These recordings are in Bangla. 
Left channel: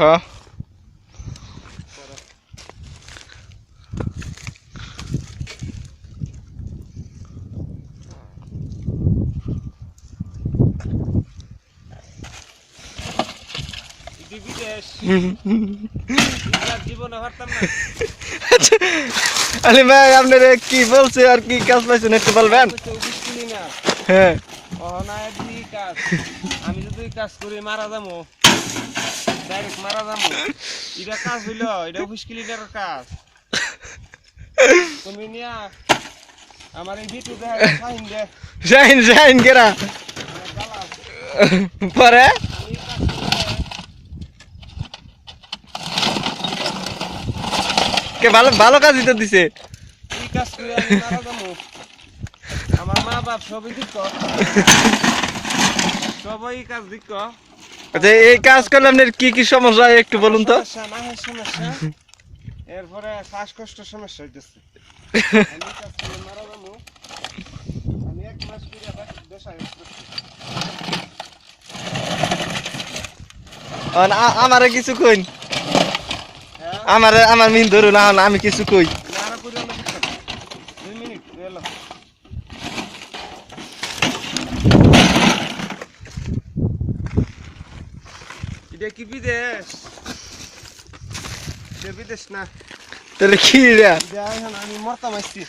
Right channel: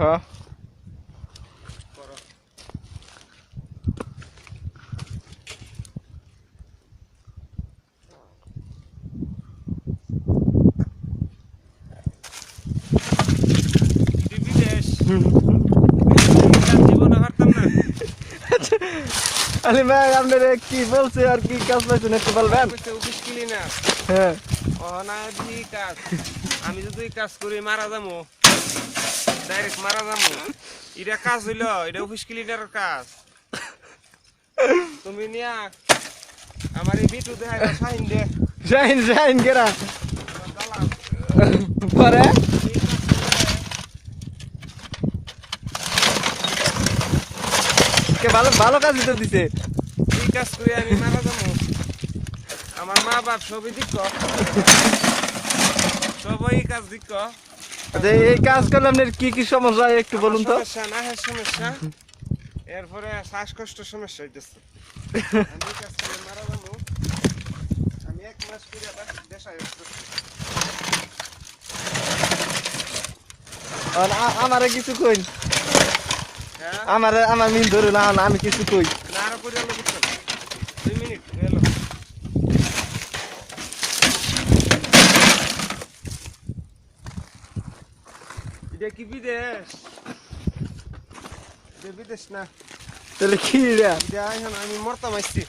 হ্যাঁ আরে ভাই আপনারা কি বলছে আর কি কাজ পাইছেন একটু বলবেন? হ্যাঁ আমি যদি কাজ করি মারা যাবো, ডাইরেক্ট মারা যাবো। এটা কাজ হইলো, এটা অফিস ক্লিনারের কাজ। তুমি নিয়া আমার এই বিটু দেখাই সাইন দে। শাহিন শাহিন কেরা আমার জ্বালা পরে কে ভালো ভালো কাজই তো দিছে। এই কাজ করে আমি মারা যাবো। আমার মা বাপ সবই দিক, সবই এই কাজ দিক। আচ্ছা এই কাজ করলে আপনার কি কি সমস্যা হয় একটু বলুন তো? সমস্যা না হয় সমস্যা, এরপরে শ্বাসকষ্ট সমস্যা হইতেছে। আমি কাজ করলে মারা যাবো। আমি 1 মাস করে দেশায় আমারে কিছু কইন, হ্যাঁ আমার মিন ধরুন না আমি কিছু কই। না আরো করে আলো বুঝছেন। 2 মিনিট এলো। এটা কি বিদেশ? এটা বিদেশ না, তাহলে কি রে? এটা এখন আমি মরতাম আইছি।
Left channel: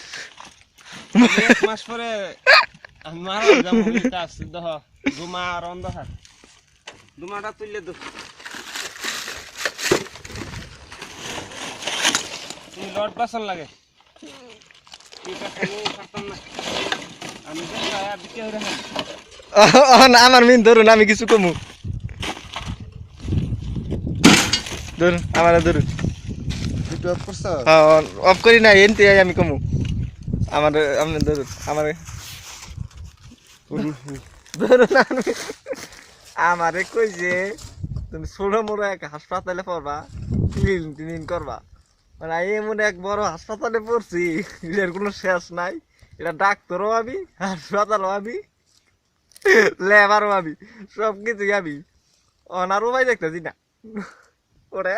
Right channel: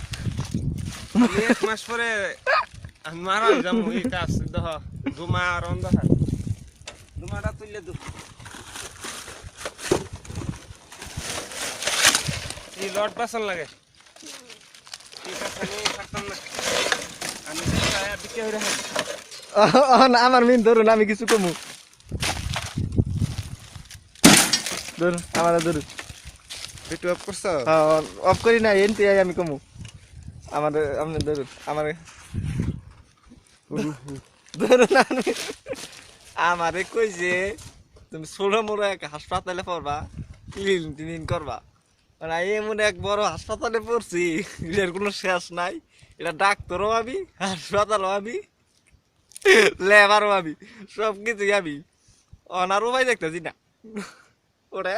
1 মাস পরে আমি মারা যাবো। এই কাজ দেখ দুমা আর অন্ধকার, দুমাটা তুইলে তো এই লট বাসন লাগে। আমি দিকে হয়ে রাখাম। আমার মিন ধরুন আমি কিছু কমু। ধরুন আমারে ধরুন। ভিডিও অফ করছ? হ্যাঁ অফ করি না এনতে আমি কমু। আমারে আপনি ধরুন আমারে ধরুন আমারে কই যে তুমি ছোট মোড়ো এক হাসপাতালে পড়বা, ক্লিন করবা। মানে এমন এক বড় হাসপাতালে পড়ছি, এর কোনো শেষ নাই। এটা ডাক্তারও আমি, হাসপাতালও আমি, লেবারও আমি, সব কিছুই আমি। অনারও ভাই দেখতেছি না ওরে।